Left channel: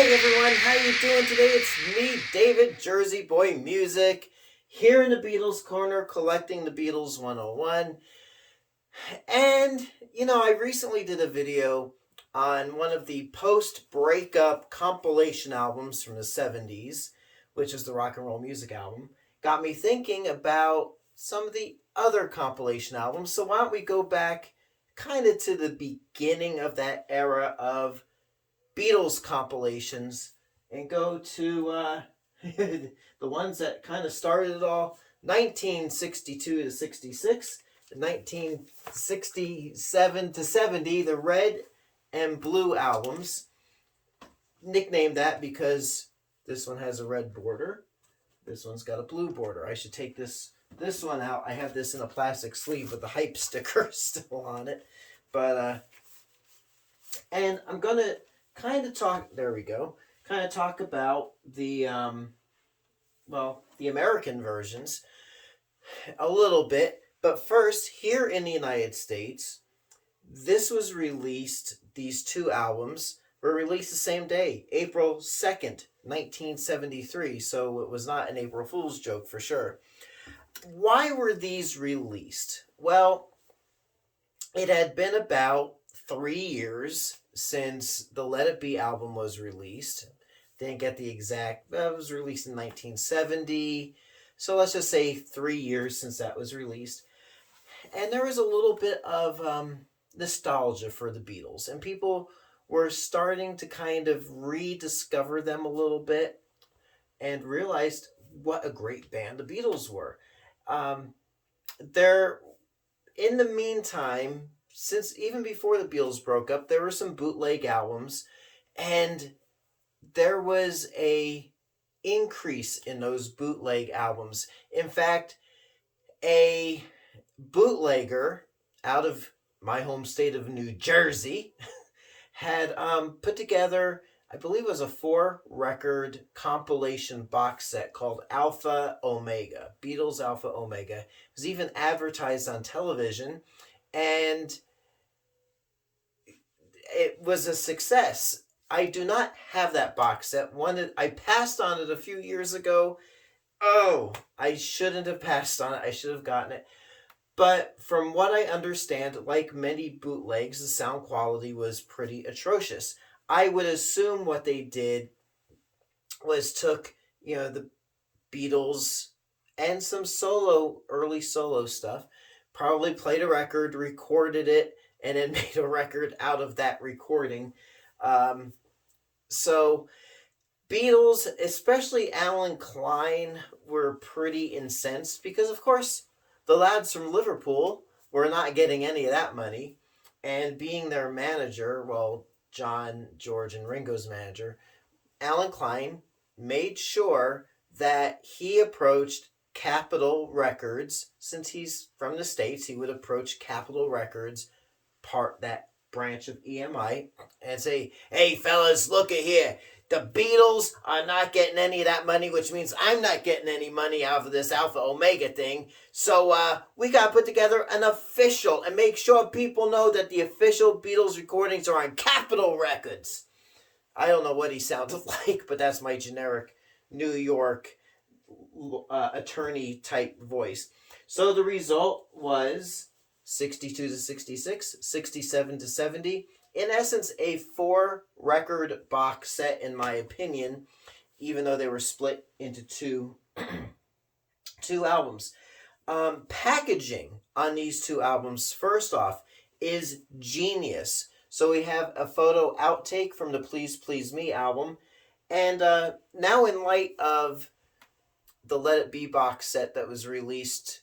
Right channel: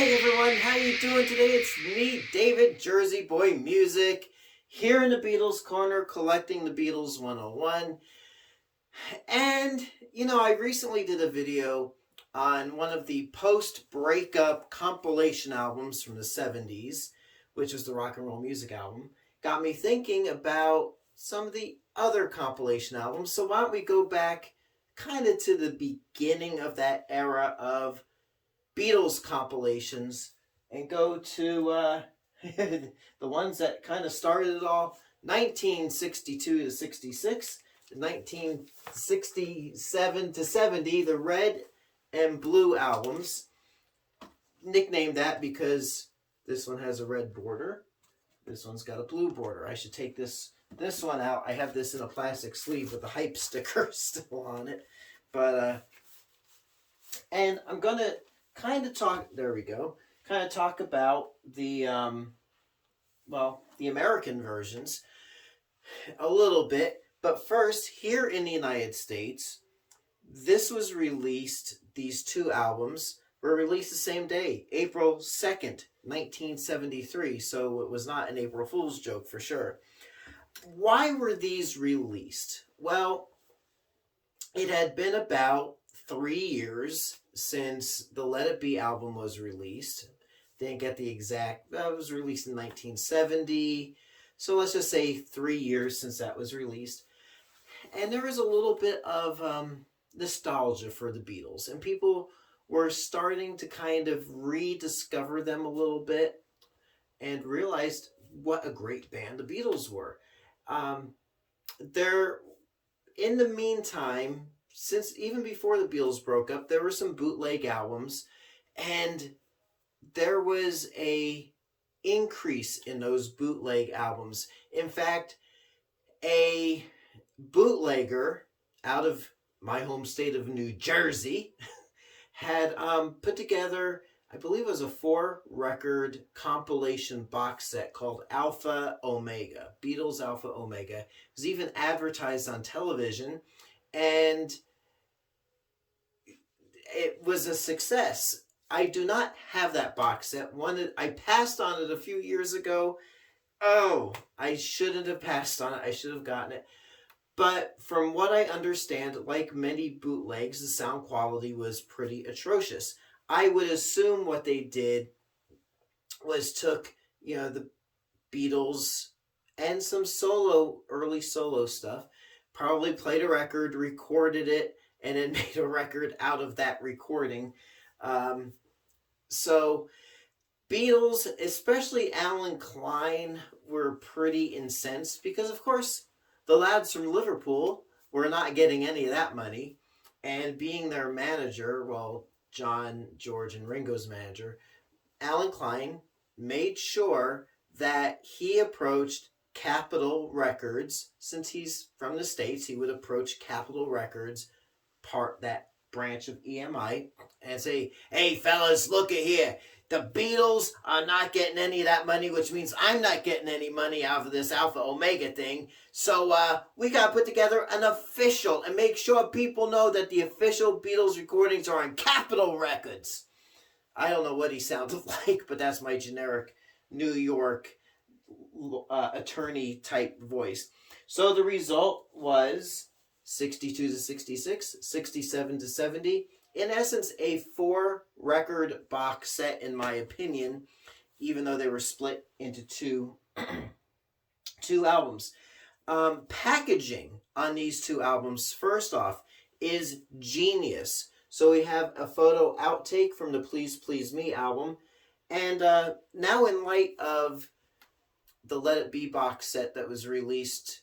Hey everyone, how you doing today? It's me, David, Jersey Boy Music, here in the Beatles corner collecting the Beatles 101. And, I recently did a video on one of the post-breakup compilation albums from the 70s, which is the rock and roll music album. Got me thinking about some of the other compilation albums. So why don't we go back kind of to the beginning of that era of Beatles compilations and go to the ones that kind of started it all, 1962 to 66, 1967 to 70, the Red and Blue albums. Nicknamed that because this one has a red border. This one's got a blue border. I should take this one out. I have this in a plastic sleeve with the hype sticker still on it. But, and I'm going to kind of talk, there we go, kind of talk about the American versions a little bit. But first, here in the United States, this was released, these two albums were released the same day, April 2nd, 1973. So it was not an April Fool's joke for sure. Why were these released? Well, it had been about 3 years since the Let It Be album was released. Didn't get the exact, it was released in 1970. So let's just say 3 years since that was released. And there was a little bit of nostalgia for the Beatles. And people were starting to kind of rediscover them a little bit and realized what a great band the Beatles were. In the meantime, since even before the Beatles broke up, there were some bootleg albums, and there was a increase in those bootleg albums. In fact, a bootlegger out of my home state of New Jersey had put together, I believe it was a 4-record compilation box set called Alpha Omega, Beatles Alpha Omega. It was even advertised on television, and it was a success. I do not have that box set. I passed on it a few years ago. Oh, I shouldn't have passed on it. I should have gotten it. But from what I understand, like many bootlegs, the sound quality was pretty atrocious. I would assume what they did was took, the Beatles and some early solo stuff, probably played a record, recorded it, and then made a record out of that recording. So Beatles, especially Alan Klein, were pretty incensed because, of course, the lads from Liverpool were not getting any of that money. And being their manager, well, John, George, and Ringo's manager, Alan Klein made sure that he approached Capitol Records. Since he's from the States, he would approach Capitol Records, that branch of EMI, and say, "Hey fellas, look at here. The Beatles are not getting any of that money, which means I'm not getting any money out of this Alpha Omega thing. So we got to put together an official and make sure people know that the official Beatles recordings are on Capitol Records." I don't know what he sounded like, but that's my generic New York attorney type voice. So the result was 62 to 66, 67 to 70. In essence, a 4-record box set, in my opinion, even though they were split into two albums. Packaging on these two albums, first off, is genius. So we have a photo outtake from the Please Please Me album. And now in light of the Let It Be box set that was released,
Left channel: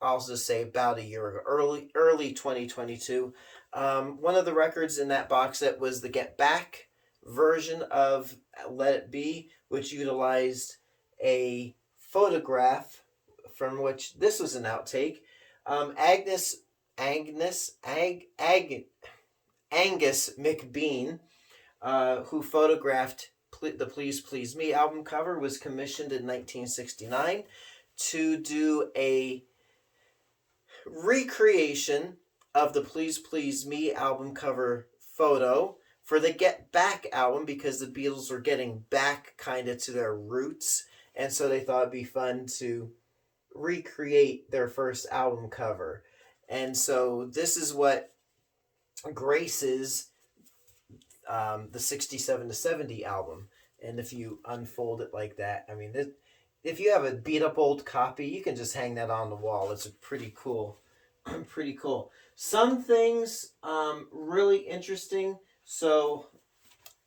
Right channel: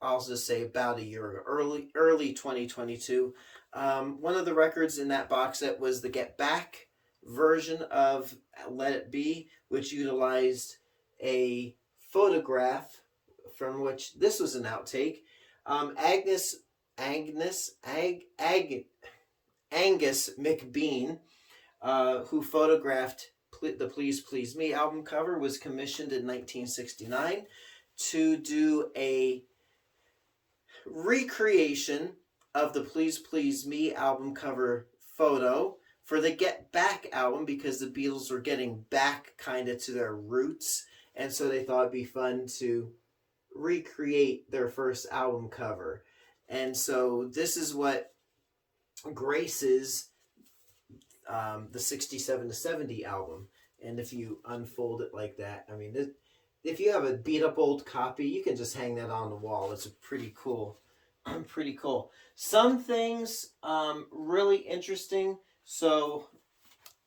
I'll just say about a year ago, early 2022, one of the records in that box set was the Get Back version of Let It Be, which utilized a photograph from which this was an outtake. Angus McBean, who photographed the Please Please Me album cover, was commissioned in 1969 to do a recreation of the Please Please Me album cover photo for the Get Back album, because the Beatles were getting back kind of to their roots, and so they thought it'd be fun to recreate their first album cover. And so this is what graces the 67 to 70 album. And if you unfold it like that, I mean, if you have a beat up old copy, you can just hang that on the wall. It's pretty cool. Pretty cool. Some things really interesting. So,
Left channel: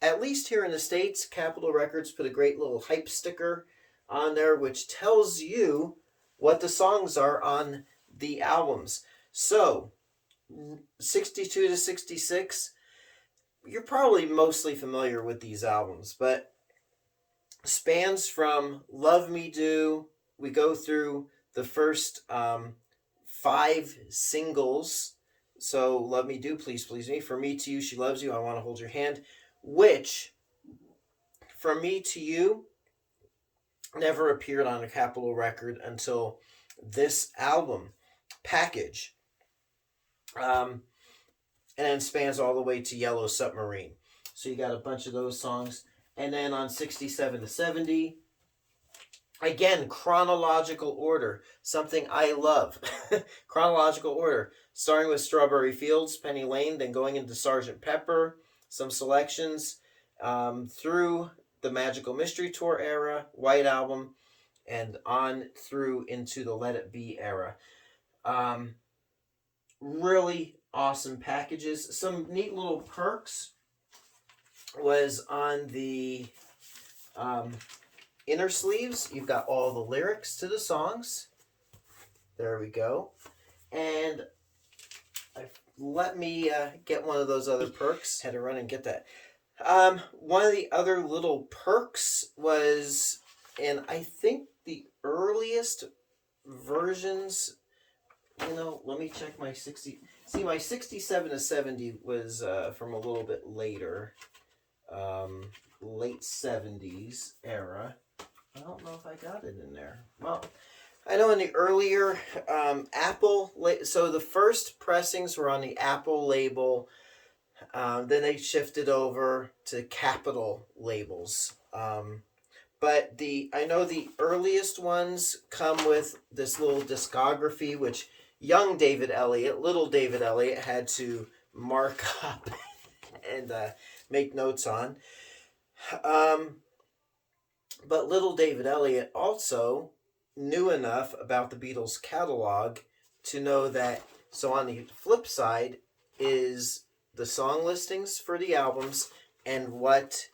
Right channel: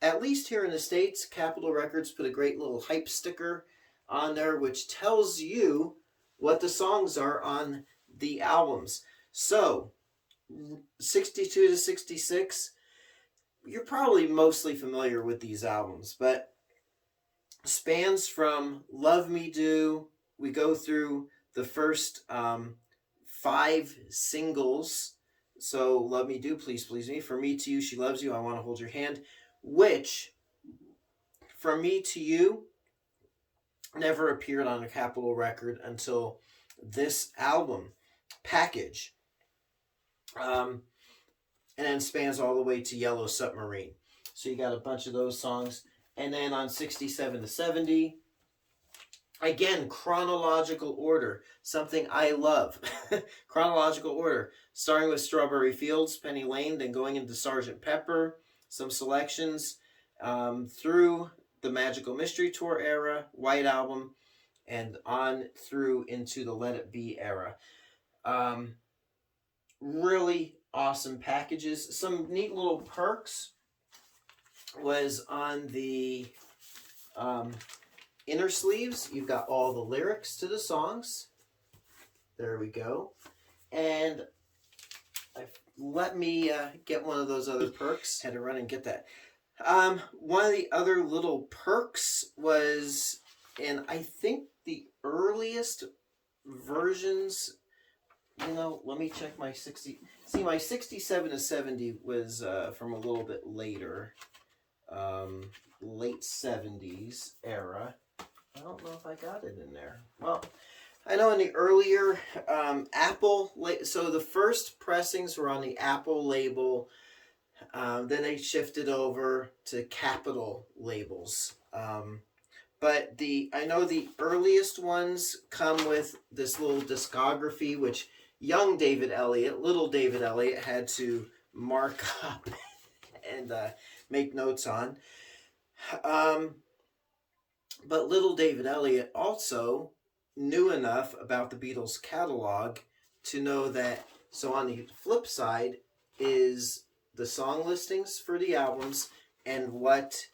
at least here in the States, Capitol Records put a great little hype sticker on there, which tells you what the songs are on the albums. So, 62 to 66, you're probably mostly familiar with these albums, but spans from Love Me Do. We go through the first 5 singles. So, Love Me Do, Please Please Me, For Me to You, She Loves You, I Want to Hold Your Hand, which, From Me to You, never appeared on a Capitol record until this album, Package. And then spans all the way to Yellow Submarine. So you got a bunch of those songs. And then on 67 to 70, again, chronological order, something I love. Chronological order, starting with Strawberry Fields, Penny Lane, then going into Sgt. Pepper, some selections through the Magical Mystery Tour era, White Album, and on through into the Let It Be era. Really awesome packages. Some neat little perks was on the inner sleeves. You've got all the lyrics to the songs. There we go. And let me get one of those other perks. Had to run and get that. One of the other little perks was, and I think the earliest versions, let me check my 60. See, my 67 to 70 was from a little bit later, late 70s era. I don't know if I got it in there. Well, I know in the earlier Apple, so the first pressings were on the Apple label. Then they shifted over to Capitol labels. But I know the earliest ones come with this little discography, which young David Elliott, little David Elliott, had to mark up and make notes on. But little David Elliott also knew enough about the Beatles catalog to know that, so on the flip side is the song listings for the albums and what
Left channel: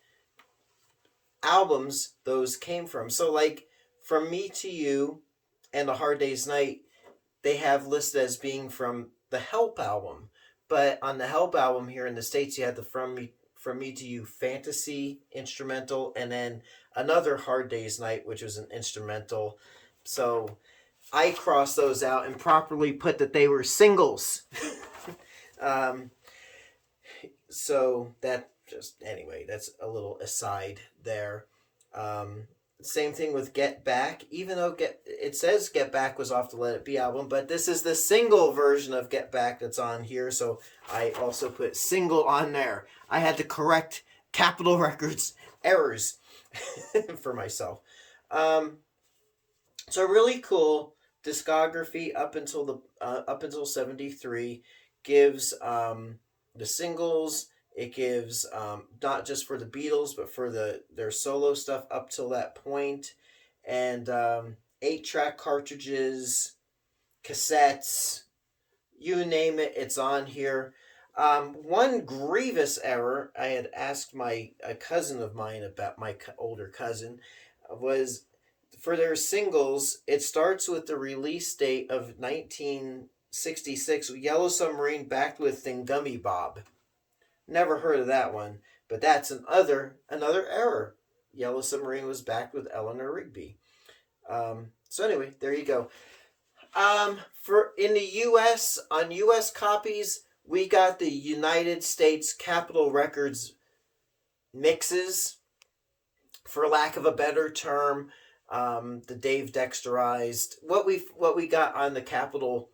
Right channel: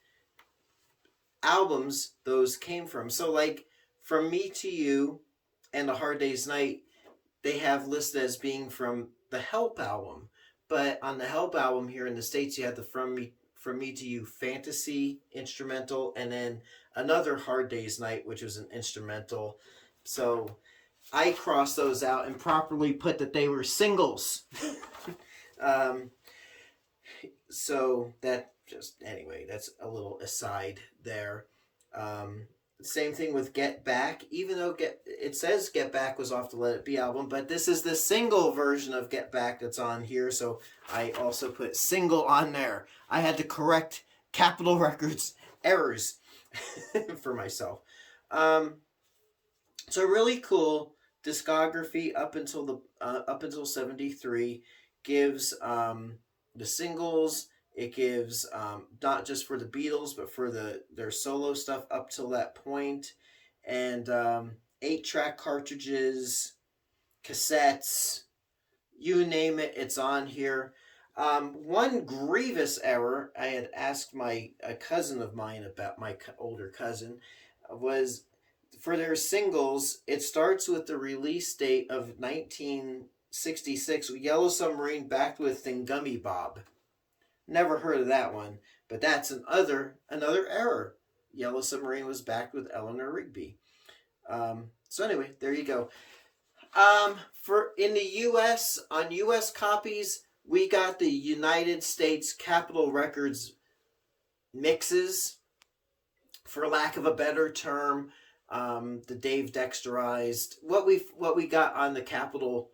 albums those came from. So like From Me to You and A Hard Day's Night, they have listed as being from the Help album. But on the Help album here in the States, you had the From Me to You fantasy instrumental, and then another Hard Day's Night, which was an instrumental. So I crossed those out and properly put that they were singles. So that anyway, that's a little aside there. Same thing with Get Back, even though it says Get Back was off the Let It Be album, but this is the single version of Get Back that's on here, so I also put single on there. I had to correct Capitol Records errors for myself. So really cool discography up until 73 gives the singles. It gives not just for the Beatles, but for their solo stuff up till that point, and 8-track cartridges, cassettes, you name it, it's on here. One grievous error I had asked a cousin of mine about, my older cousin, was for their singles, it starts with the release date of 1966, Yellow Submarine backed with Thingummy Bob. Never heard of that one, but that's another error. Yellow Submarine was backed with Eleanor Rigby. So anyway, there you go. For in the U.S., on U.S. copies, we got the United States Capitol Records mixes, for lack of a better term, the Dave Dexterized, what we got on the Capitol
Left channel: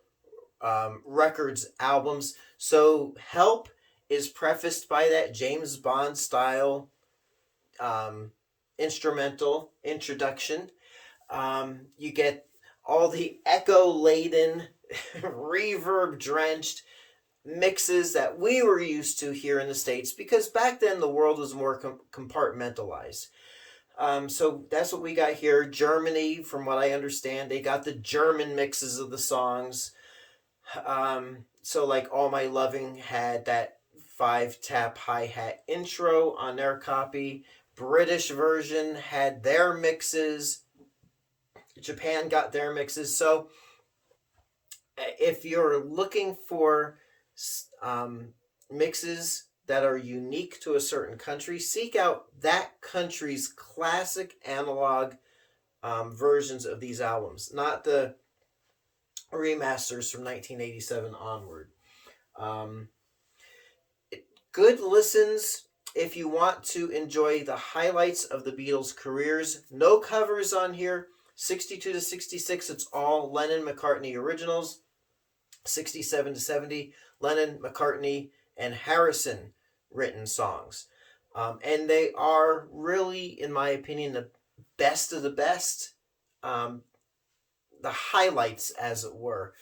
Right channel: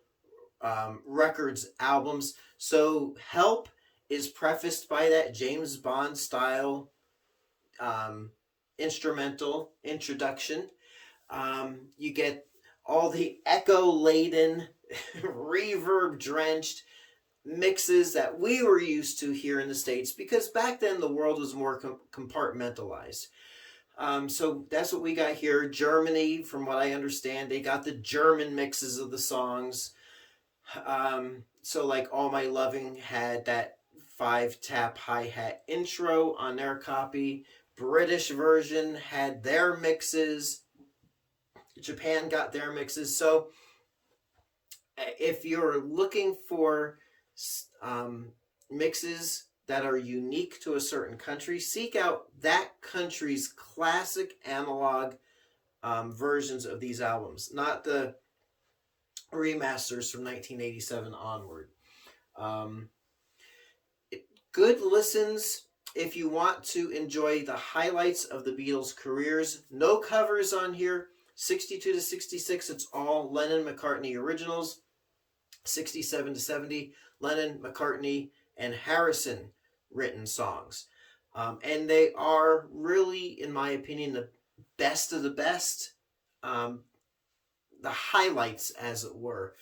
Records albums. So Help is prefaced by that James Bond style instrumental introduction. You get all the echo laden, reverb drenched mixes that we were used to here in the States, because back then the world was more compartmentalized. So that's what we got here. Germany, from what I understand, they got the German mixes of the songs. So like All My Loving had that 5-tap hi-hat intro on their copy. British version had their mixes. Japan got their mixes. So if you're looking for mixes that are unique to a certain country, seek out that country's classic analog versions of these albums, not the remasters from 1987 onward. Good listens if you want to enjoy the highlights of the Beatles' careers. No covers on here. 62 to 66, it's all Lennon-McCartney originals. 67 to 70, Lennon, McCartney, and Harrison written songs. And they are really, in my opinion, the best of the best, the highlights, as it were,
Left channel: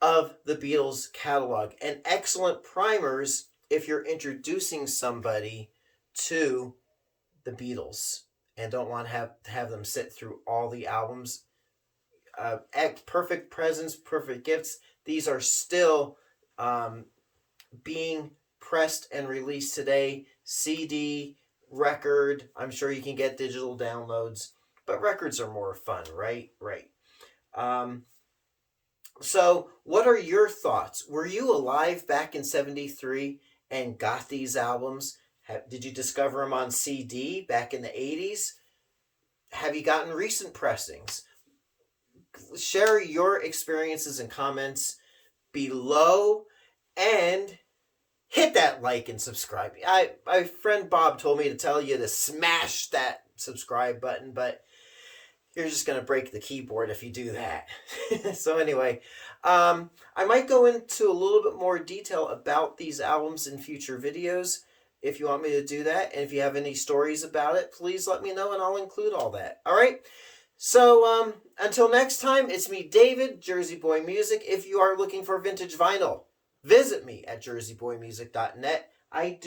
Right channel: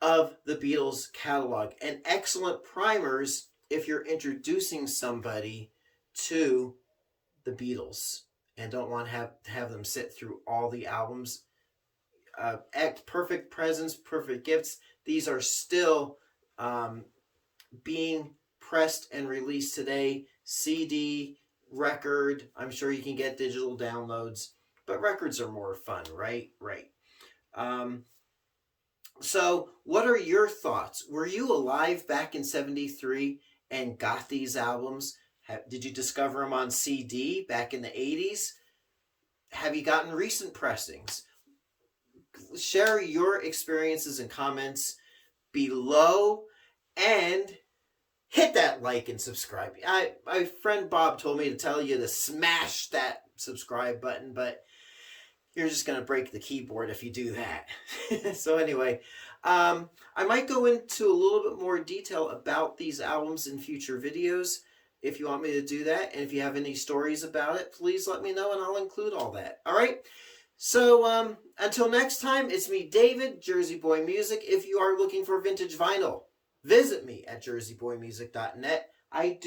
of the Beatles catalog. And excellent primers if you're introducing somebody to the Beatles and don't want to have them sit through all the albums. Perfect presents, perfect gifts. These are still being pressed and released today. CD, record. I'm sure you can get digital downloads, but records are more fun, right? Right. So what are your thoughts? Were you alive back in 73 and got these albums? Did you discover them on CD back in the 80s? Have you gotten recent pressings? Share your experiences and comments below, and hit that like and subscribe. My friend Bob told me to tell you to smash that subscribe button, but you're just going to break the keyboard if you do that. So anyway, I might go into a little bit more detail about these albums in future videos if you want me to do that. And if you have any stories about it, please let me know and I'll include all that. All right. So until next time, it's me, David, Jersey Boy Music. If you are looking for vintage vinyl, visit me at jerseyboymusic.net. I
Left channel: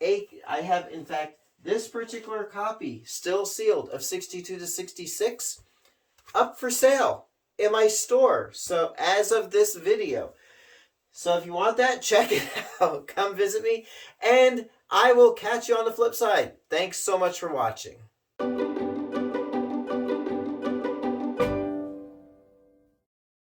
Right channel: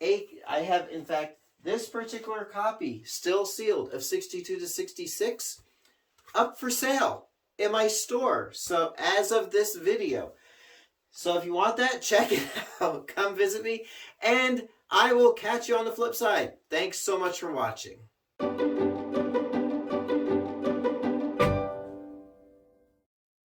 have in fact this particular copy, still sealed, of 62 to 66, up for sale in my store. So as of this video. So if you want that, check it out. Come visit me, and I will catch you on the flip side. Thanks so much for watching.